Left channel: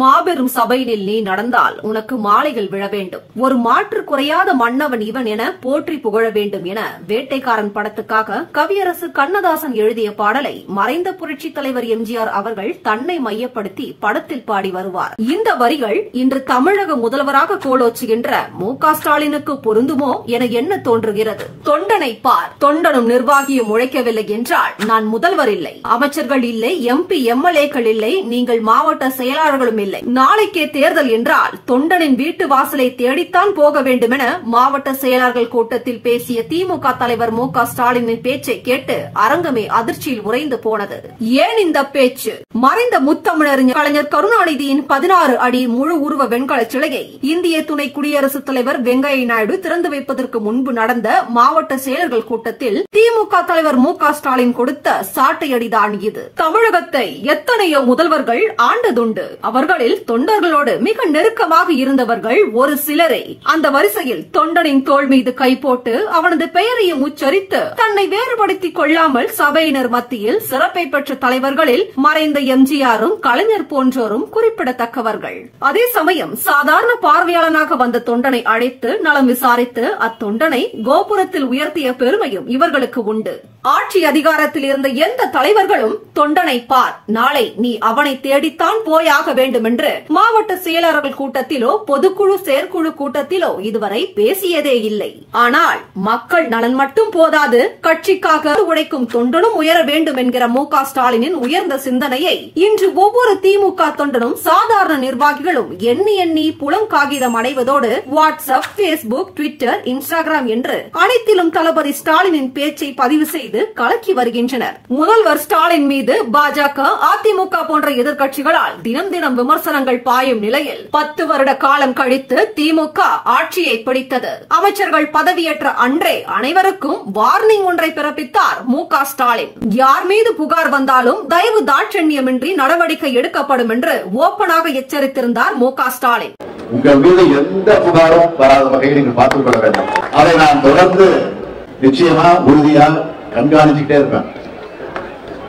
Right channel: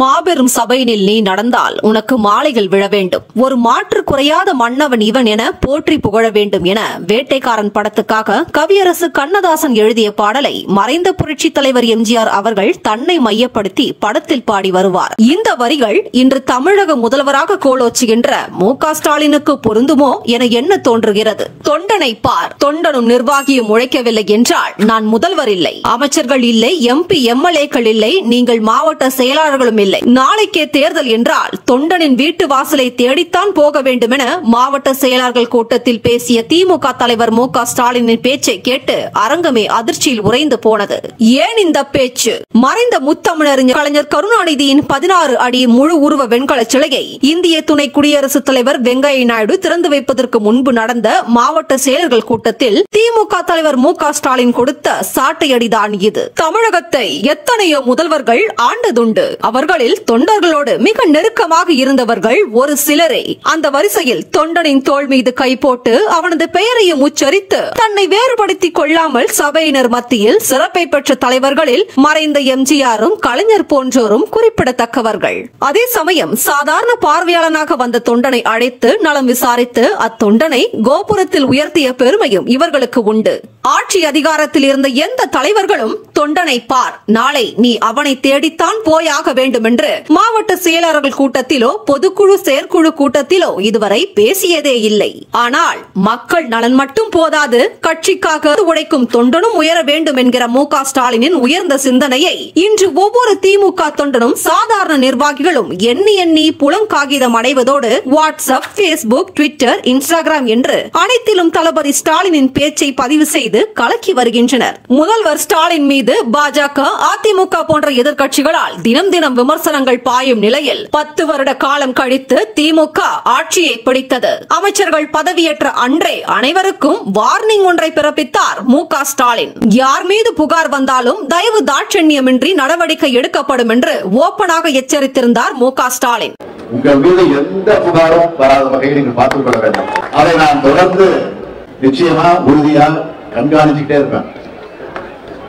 மாபெரும் சபையினில் நீ நடந்தால் உனக்கு மாலைகள் விழ வேண்டும். ஒரு மாற்று குறையாத மன்னவன் இவன் என போற்றி புகழ வேண்டும் என வேட்டைக்காரன் படத்துக்காக கவியரசு கண்ணதாசன் எழுதிய பாடலை மறைந்த புரட்சித் தலைவர் எம்ஜிஆர் அவர்கள் தன்னை மையப்படுத்தி படத்தில் பாடி வருவார். இந்த வரிகள் இன்று தமிழக முதல்வராக கோலோச்சுகின்ற மு.க. ஸ்டாலினுக்கு பொருந்துமோ என எண்ண தோன்றுகிறது. தொண்டனை பார், தொண்டனும் நிர்வாகியும் உழைக்கவில்லை என்றால் நான் முதல்வர் இல்லை, அமைச்சர்கள் இல்லை, எம்பி எம்எல்ஏக்கள் இல்லை, நீங்கள் மாவட்ட செயலாளர்களும் இல்லை. நாளைக்கே தேர்தல் என்றால் தொண்டனின் வீட்டு வாசலை தேடித்தான் போக வேண்டும் என மாவட்ட செயலாளர்கள் கூட்டத்தில் பேசிய திமுக தலைவர் மு.க. ஸ்டாலினின் பேச்சை கேட்டு அரங்கமே அதிர்ச்சியில் உறைந்து போனது. ஏன் இந்த பேச்சு? மறைந்த முத்தமிழறிஞர் கலைஞர் கருணாநிதியின் 16 அடி முழு உருவ வெண்கல சிலையை இந்திய துணை குடியரசுத் தலைவர் வெங்கையா நாயுடு திறந்து வைப்பதற்கு முன்பு நடந்த மாவட்ட செயலர்கள் கூட்டத்தில் திமுக தலைவர் மு.க. ஸ்டாலின் கொடுத்த சாட்டையடிதான் இது. தமிழகத்தை எத்தனையோ முதல்வர்கள் ஆண்டதுண்டு. அவர்களில் தொண்டர்களோடு மிக நெருக்கமாக இருந்தவர்கள் ஒரு சிலரே. அந்த வரிசையில் தொண்டனின் தோள் மீது கை போட்டு அவனது பெயரையும் உச்சரித்து தன்னை வேறுபடுத்திக் கொள்ளாமல் சபையினர் மத்தியில் சிறப்பை பெற்ற தலைவர்களில் மறைந்த எம்ஜிஆரும் கலைஞர் போன்றோரும் குறிப்பிடத்தக்கவர்கள். அதே சமயம் சாதாரண பார்வையாளனாக வந்த தொண்டனை அழைத்து நலம் விசாரித்து அத்தொண்டனை கோபுரத்தில் உயர்த்திய பெருமையும் இவர்களுக்கு உண்டு. ஆட்சி அதிகாரத்தில் இருந்த எந்த தலைவர்களும் தொண்டனை பார், நாளை நீ அவனை தேடித்தான் போயாக வேண்டும் என்று மாவட்ட செயலாளர்கள் கூட்டத்திலோ பொதுக்குழு செயற்குழு கூட்டத்திலோ இதுவரை பேசியதே இல்லை. ஆனால் மக்கள் நலன் மட்டும் போதாது, கட்சிக்காக உழைக்கும் தொண்டனும் உயர வேண்டும் என்கிற மு.க. ஸ்டாலினின் உயர்ந்த சிந்தனையை இன்று ஒவ்வொரு திமுக தொண்டனும் சாதாரண நிர்வாகிகளும் எண்ணி எண்ணி புலங்காகிதம் அடைவதோடு வாட்ஸ்அப், பேஸ்புக், ட்விட்டர், இன்ஸ்டாகிராம் என்று அனைத்திலும் தளபதி ஸ்டாலினின் பேச்சை பதிவு செய்து கலக்கி வருகின்றனர். முதல்வர் ஸ்டாலின் மீது பாஜக, அதிமுக போன்ற எதிர்க்கட்சிகளால் தினம் தினம் விமர்சனங்கள் பாயும் நிலையில் 10 வருட காலம் கழித்து திமுக ஆட்சியை பிடித்தது. அமைச்சர்கள் பதவியேற்ற அன்றே அனைவருக்கும் வார்னிங் ஒன்றை பிறப்பித்தார் மு.க. ஸ்டாலின். யார் மீது புகார் வந்தாலும் தயவு தாட்சண்யமின்றி நடவடிக்கை எடுக்கப்படும் என்று ஓப்பனாக எச்சரித்திருந்தார் மு.க. ஸ்டாலின். உங்கள் மீது எந்த புகாரும் வராத வகையில் நீங்கள் பார்த்துக் கொள்ள வேண்டும். அதை நான் தொடர்ந்து நிச்சயமா உறுதியா கண்காணிச்சுட்டே இருப்பேன்.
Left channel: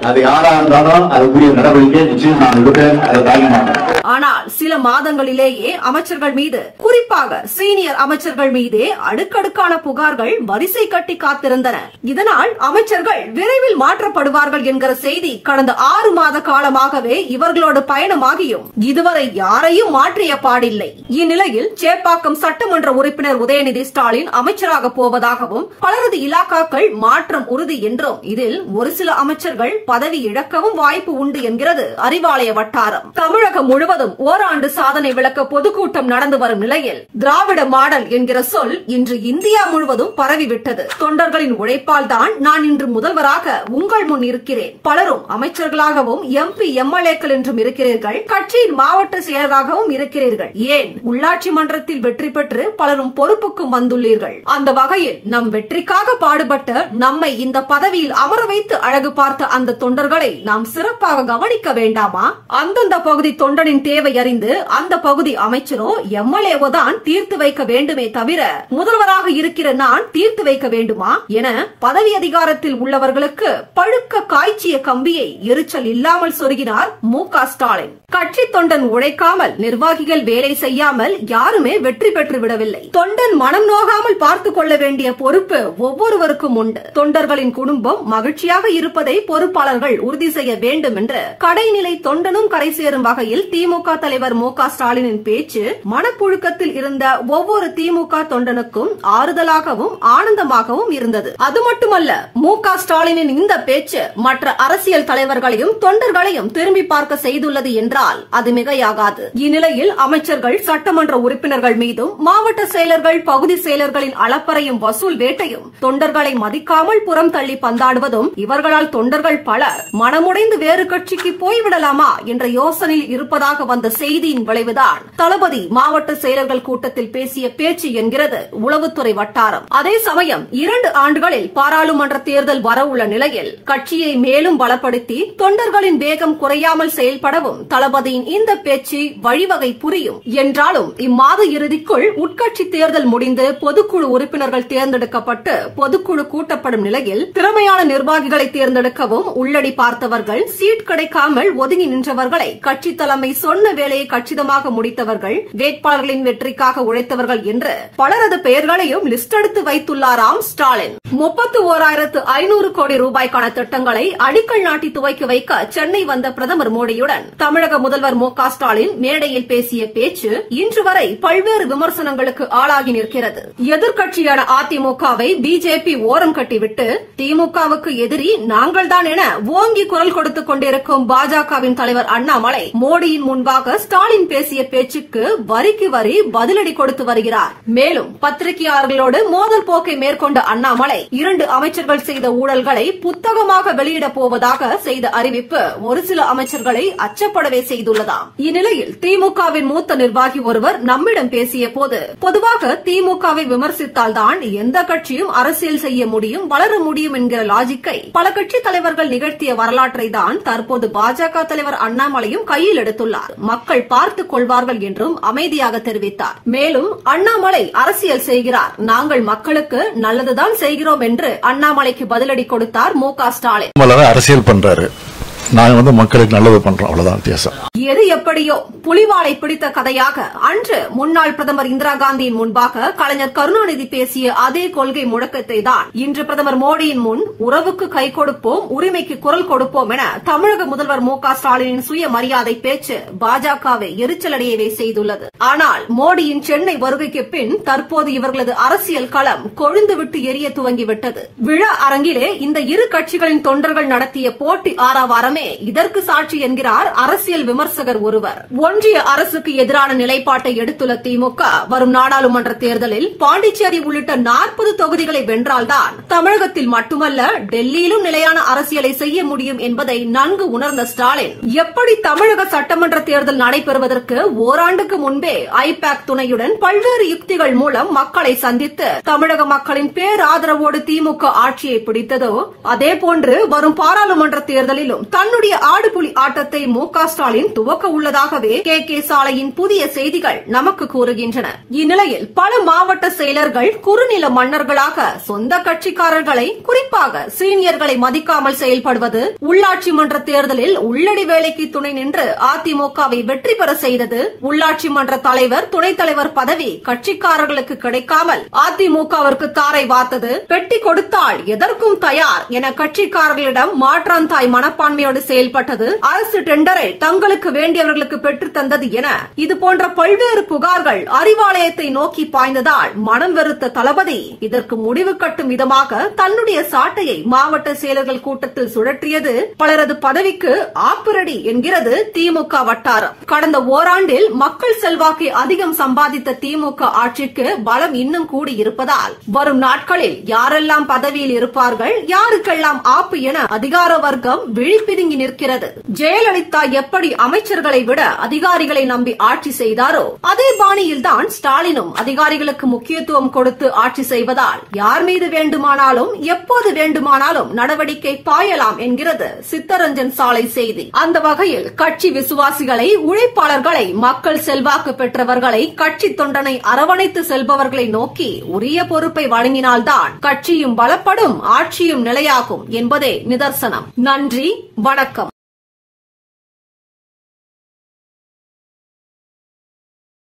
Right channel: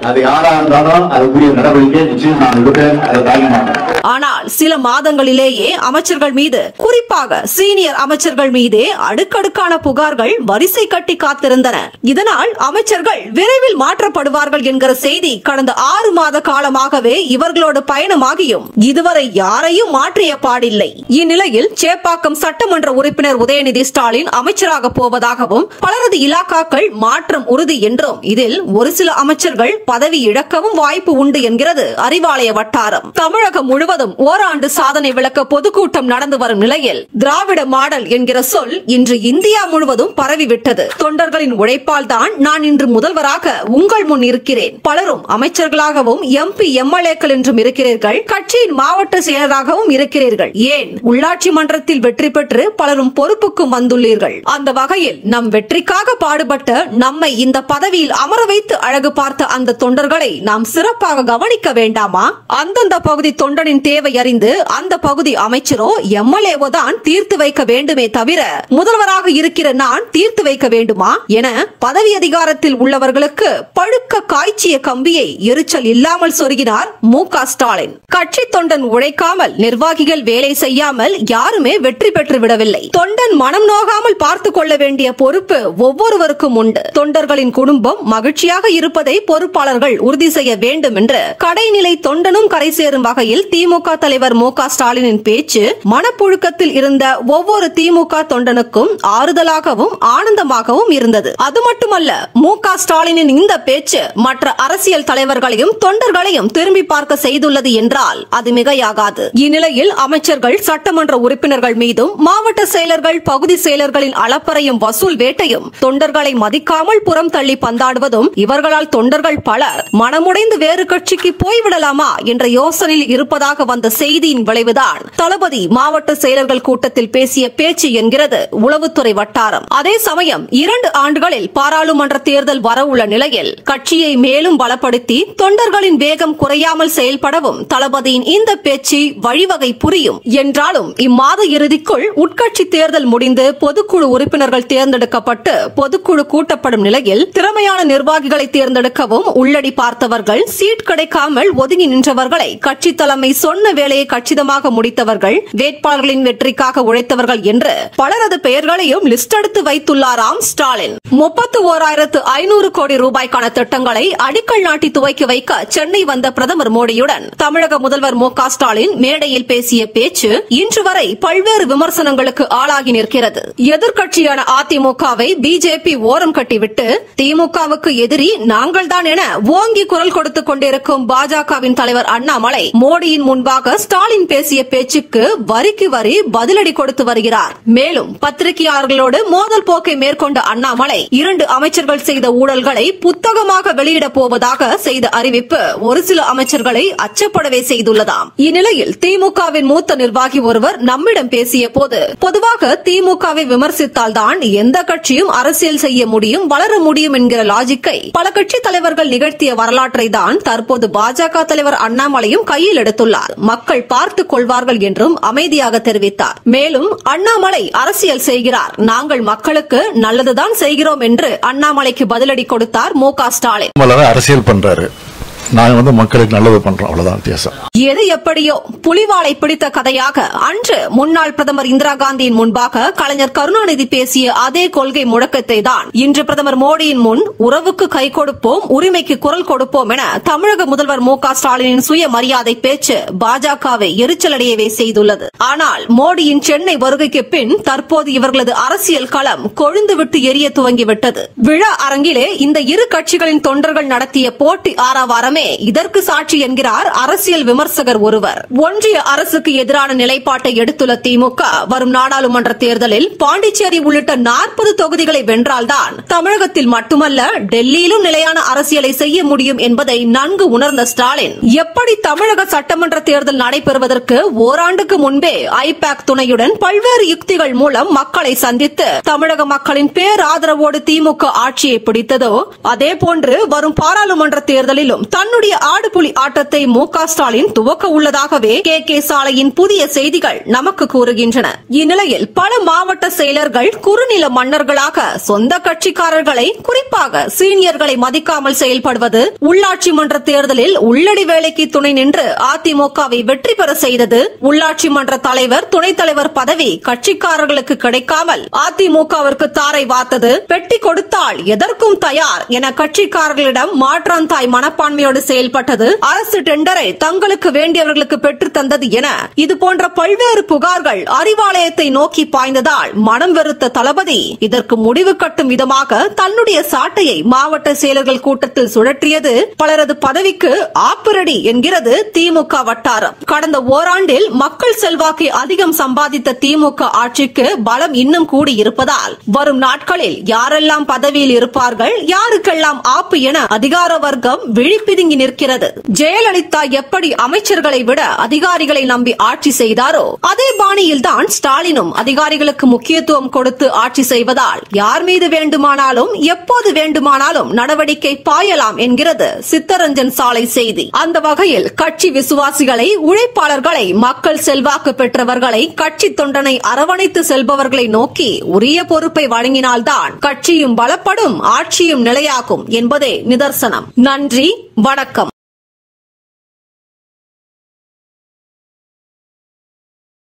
அது யாரா இருந்தாலும் அதுக்குரிய நடவடிக்கை நிச்சயம் நான் எடுப்பேன். அதை தாங்க மாட்டேன். ஆனால் சில மாதங்களிலேயே அமைச்சர்கள் மீது, குறிப்பாக சீனியர் அமைச்சர்கள் மீதே அடுக்கடுக்கான புகார்கள் வரிசை கட்டி காத்திருந்தன. இதனால் அமைச்சர்கள் விரைவில் மாற்றப்படுவார்கள் என்கிற செய்தி கடந்த 6 மாத காலமாகவே இவர்களோடு பயணமாகியும் இதுவரை யாரையும் மாற்றிய பாடில்லை. இந்நிலையில் சேப்பாக்கம் சட்டமன்ற உறுப்பினர் உதயநிதி ஸ்டாலின் அமைச்சராக போவதாகவும் பலரது இலாக்காக்கள் மாற்றம் உறுதி என்றும் இதில் ஒரு சில அமைச்சர்கள் பதவி இழக்கவும் வாய்ப்பு உண்டு என்கிறது அறிவாலய வட்டாரம். தமிழகம் முழுவதும் ஓராண்டு சாதனை விளக்க பொதுக்கூட்டம் நடந்து வரும் நிலையில் திராவிட மாடல் என்கிற சொல் இன்று இந்தியா முழுவதும் பரவிவிட்டது. தொண்டர்களின் உழைப்பால் தான் நான் இன்று முதல்வராக உங்கள் முன் இருக்கிறேன். பலரும் அமைச்சர்களாகவும் எம்பி எம்எல்ஏக்கள் என்றும் இருக்கிறீர்கள். கட்சியின் மாவட்ட செயலராகவும் இருக்கிறீர்கள். ஏன் உள்ளாட்சி மன்றத்தில் வெற்றி பெற்று பலரும் பொறுப்புக்கும் வந்துள்ளீர்கள். அந்த வகையில் நம் வெற்றிக்காக பாடுபட்டு நம்மை இந்த பதவியில் அமர வைத்து அழகு பார்த்த அந்த தொண்டர்களை நாம் சிறப்பாக கவனிக்க வேண்டாமா? அந்தந்த பகுதி தொண்டனின் தேவை அறிந்து அந்த பகுதி அமைச்சரோ எம்எல்ஏவோ தான் தீர்த்து வைக்க வேண்டுமே தவிர முதல்வராக இருக்கிற நான் தீர்த்து வைக்க வேண்டுமா என பதவி அதிகாரத்தில் உள்ளவர்களுக்கு பழுக்க காய்ச்சிய கம்பியை எரிச்சல் இல்லாமல் சொருகினார் மு.க. ஸ்டாலின். கட்சி தொண்டன் உழைக்காமல், நிர்வாகிகள் வேலை செய்யாமல் யாருமே வெற்றி பெற்று விடவில்லை. தொண்டன் மனம் நோகாமல் பார்த்துக் கொள்ள வேண்டிய பொறுப்பு ஒவ்வொருவருக்கும் உண்டு. தொண்டர்களின் குடும்பம் மகிழ்ச்சியாக இருப்பதை பொறுப்பாளர்கள் உறுதி செய்ய வேண்டும் என்று கடைநிலை தொண்டனும் கரை சேரும் வகையில் திமுக தலைவர் மு.க. ஸ்டாலினின் பேச்சு மனப்புழுக்கத்தில் இருந்த ஒவ்வொரு திமுக தொண்டனுக்கும் ஆறுதலாகவும் ஆனந்தமாகவும் இருந்தது. அது மட்டுமல்ல, மு.க. ஸ்டாலினின் இந்த பேச்சு மற்ற அரசியல் தலைவர்களையும் தொண்டர்களையும் திரும்பி பார்க்க செய்துள்ளது என்றால் அது மிகையாகாது. இந்நிலையில் அமைச்சர்கள், சட்டமன்ற உறுப்பினர்கள் மீதும் மாவட்ட செயலர்கள், பகுதி செயலர்களின் அளப்பறையும் வசூல் வேட்டையும், தொண்டர்களை மதிக்காமல் புறம் தள்ளி பந்தாடுவதும், இவர்களால் தொண்டர்கள் பலர் மனமுடைந்து வேறு கட்சிக்கு போய்விடலாமா என்ற யோசனையில் இருப்பதாக வந்த செய்தியின் விளைவுதான் தளபதி மாவட்ட செயலர்கள் கூட்டத்தில் பேசிய பேச்சு என்கிறது உளவுத்துறை வட்டாரம். அதே சமயம் 2 ஆண்டுகளில் பாராளுமன்ற தேர்தல் வரவுள்ள நிலையில் கட்சியை மேலும் பலப்படுத்தி தொண்டர்களின் வேகம் குறையாமல் செயல்படவும் தளபதியின் இந்த பேச்சு வழிவகை புரியும் என்றாலும் இம்மாத இறுதிக்குள் உட்கட்சி தேர்தல் முடிந்து பொதுக்குழு உறுப்பினர்கள் தேர்ந்தெடுக்கப்பட்டு பொதுக்குழு கூட்டப்படும் நிலையில் திறமையான நிர்வாகிகளை தேர்ந்தெடுக்கவும் உள்ளடி பார்த்தவர்கள், சீட் கிடைக்காமல் ஒதுங்கி நின்றவர்களை கட்சி தலைமை சொன்ன வேலை வேலையை கச்சிதமாக முடித்தவர்கள், வேட்பாளர்களின் வெற்றிக்காக உழைத்தவர்கள் என்று பலரது பெயர்களையும் லிஸ்ட் எடுத்து வைத்துள்ளாராம் ஸ்டாலின். 31,500 கோடி ரூபாய்க்கான திட்டங்களை அடிக்கல் நாட்டி துவக்கி வைக்க சென்னை வந்த பிரதமர் மோடியுடன் தமிழக முதல்வர் மு.க. ஸ்டாலின் மேடையில் பேசிய பேச்சு இன்று வரை பல்வேறு விமர்சனங்களுக்கு ஆளாகி நிற்கிறது. எதிர்க்கட்சியான அதிமுகவை பிஜேபி ஓரம் கட்டிவிட்டு திமுகவுக்கு எதிரி நாங்கள்தான் என ஓங்கி குரல் கொடுத்துக் கொண்டிருக்கும் பாஜகவின் தலைவர் அண்ணாமலை மோடியின் முன்பாக ஸ்டாலின் பேசிய பேச்சுக்கு வரிக்கு வரி பதிலடி கொடுத்து வருகிறார். மேலும் பத்திரிகையாளர்களோடு மோதல் போக்கை மேற்கொண்ட அண்ணாமலை 2 அமைச்சர்கள் செய்த ஊழல்களை புத்தகமாக வெளியிடப் போவதாக செய்த அறிவிப்பு ஒரு சில அமைச்சர்களை அச்சப்படவே செய்துள்ளதாம். இந்நிலையில் திமுகவின் மூத்த நிர்வாகி ஒருவர் நம்மிடம் பேசிய போது, பொதுவாக திமுகவை விமர்சித்தால்தான் எந்த கட்சியும் அரசியல் செய்ய முடியும், வளர முடியும் என்கிற லாஜிக்கை பல கட்சி தலைவர்கள் நிகழ்த்திய வரலாற்றை தான் தற்போது பாஜக தலைவர் அண்ணாமலையும் கையில் எடுத்துள்ளார். மக்கள் பார்த்துக் கொள்வார்கள் என்றும் அமைதியாக தெரிவித்தார். மேலும் அண்ணாமலை அரசியல் செய்கிறார், நாங்கள் மக்களுக்கு நல்லதுதான் செய்கிறோம் என்று அண்ணாமலைக்கு பதிலடி கொடுத்தார் மு.க. ஸ்டாலின். அரசியல் பண்றாரு, நாங்க மக்களுக்கு நல்லது பண்றோம், அவ்வளவுதான் வித்தியாசம். எது எப்படியோ புலிவாலை பிடித்த கதையாக அன்று முன்னாள் பிரதமர் இந்திரா காந்தியின் முன்பாக கலைஞர் கருணாநிதி பேசிய அதே கொள்கை முழக்கத்தை தான் இன்று பிரதமர் மோடியின் முன் உறவுக்கு கை கொடுப்போம், உரிமைக்கு குரல் கொடுப்போம் என தமிழக முதல்வர் மு.க. ஸ்டாலினின் சுயமரியாதை பேச்சு பாஜகவை எரிச்சலடையவே செய்துள்ளது. ஆனால் மோடியின் சென்னை வருகைக்கு பின் தற்போது இவர்களது அரசியல் களம் கொழுந்துவிட்டு எரிய துவங்கிவிட்டது. விழா அரங்கிலே இந்த இரு கட்சிகளின் தொண்டர்கள் நடத்திய போட்டி ஆரவாரம் இதற்கு சாட்சி என்கிறார் அரசியல் விமர்சகர் ஒருவர். ஒன்றிய அரசுக்கு எதிரான நிலைப்பாட்டை எடுத்துள்ள திமுக வரும் நாடாளுமன்ற தேர்தலில் பாண்டிச்சேரி உள்ளிட்ட 40 தொகுதிகளை வென்றால்தான் தமிழகத்தில் மட்டுமல்ல டெல்லியிலும் நிலையான அரசியலை செய்ய முடியும் என்பதை நன்கு உணர்ந்த ஸ்டாலின், எப்படி தமிழக சட்டமன்ற தேர்தல் நடைபெறுவதற்கு ஓராண்டுக்கு முன்பே ஐபாக் துணையுடன் பல்வேறு யுக்திகள் மூலம் மக்களை சந்தித்து தமிழக மக்களின் பேராதரவோடு திமுக ஆட்சியை பிடித்ததோ அதேபோன்று வரும் பாராளுமன்ற தேர்தலிலும் தன்னுடைய ஆடுபுலி ஆட்டத்தை மு.க. ஸ்டாலின் துவக்க உள்ளதாகவே கே சாலையின் புதிய செய்திகள் நமக்கு கூறுகின்றன. இந்நிலையில் பல மாவட்ட செயலர்கள் குறுநில மன்னர்களாக சொந்த கட்சிக்காரர்களை, குறிப்பாக சீனியர்களை மதிக்காமல் செயல்படுவது, உள்ளாட்சி மன்ற தேர்தலில் உள்ளடி வேலைக்கு துணை நின்று அதிமுகவை வெற்றி பெற செய்தது, உள்ளாட்சி மன்ற தலைவர், துணைத் தலைவர் பதவி கட்சிக்காரர்களுக்கு கிடைக்காமல் அதிமுகவிற்கு தாரை வார்த்தது, பெட்டி கொடுத்தால் எதற்கும் தயார் என கட்சிக்காரர்களிடம் மாற்றாந்தாய் மனப்பான்மையோடு செயல்பட்டது, அரசு டெண்டரை தங்களுக்கு வேண்டியவர்களுக்கு பெற்று தந்தது என இதுபோன்ற பல்வேறு புகார்கள் அறிவாலயத்தை நோக்கி பாய்ந்ததால் மனம் வெறுத்த தளபதி இதற்கு முடிவு கட்டும் விதமாக தன்னுடைய சாட்டையை மாவட்ட செயலர்கள் கூட்டத்தில் சுழற்றியது பலரது பதவிக்கு ஆப்பிரடி என்கிறது திமுக வட்டாரம். கடந்த ஓராண்டில் மக்கள் செல்வாக்கை அதிகம் சம்பாதித்த திமுக ஆட்சிக்கு பலம் இன்னும் கூடியிருப்பதால் வரும் நாட்களில் யாரெல்லாம் பதவியில் இருப்பார்கள், யாருக்கெல்லாம் ஆப்பு என அதிகார வர்க்கம் விழிப்பிதுங்கி நிற்கிறது. ஜெயலலிதா எப்படி அமைச்சர்களை விட அதிகாரிகளை நம்பி ஆட்சி செய்தாரோ அதே பாணியில் தான் ஸ்டாலினும் அதிகாரிகளுக்கு முக்கியத்துவம் கொடுத்து ஆட்சி செய்வதால் யார் மீது வேண்டுமானாலும் எப்போது வேண்டுமானாலும் நடவடிக்கை பாயலாம் என்கிறது சித்தரஞ்சன் சாலை செய்தி. அந்த வகையில் கட்சி விசுவாசிகளை, உழைப்பாளர்களை, மக்கள் செல்வாக்கு பெற்றவர்களை, கட்சி தொண்டனை அரவணைத்து செல்பவர்களை நோக்கி உரிய பொறுப்பை வழங்கினால்தான் கட்சியும் பலப்படும், ஆட்சியும் நிலையாகும் என்பதே நிதர்சனம். நன்றி, வணக்கம்.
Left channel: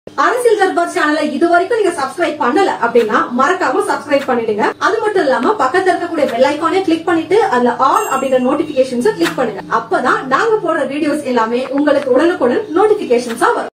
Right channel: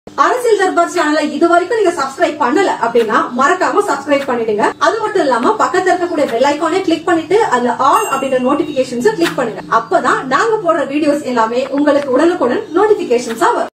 அரசியல் தர்பார் சேனலை இதுவரைக்கும் நீங்க சப்ஸ்கிரைப் பண்ணல அப்படின்னா மறக்காம சப்ஸ்கிரைப் பண்ணிடுங்க. அது மட்டும் இல்லாம பக்கத்துல இருக்கக்கூடிய பெல் ஐகானை கிளிக் பண்ணிட்டு அதுல ஆல் அப்படின்ற நோட்டிபிகேஷன்ஸ் கிளிக் பண்ணுங்க. அப்பதான் நாங்க போடுற வீடியோஸ் எல்லாமே உங்களுக்கு உடனுக்குடன் நோட்டிபிகேஷன்ஸா வரும்.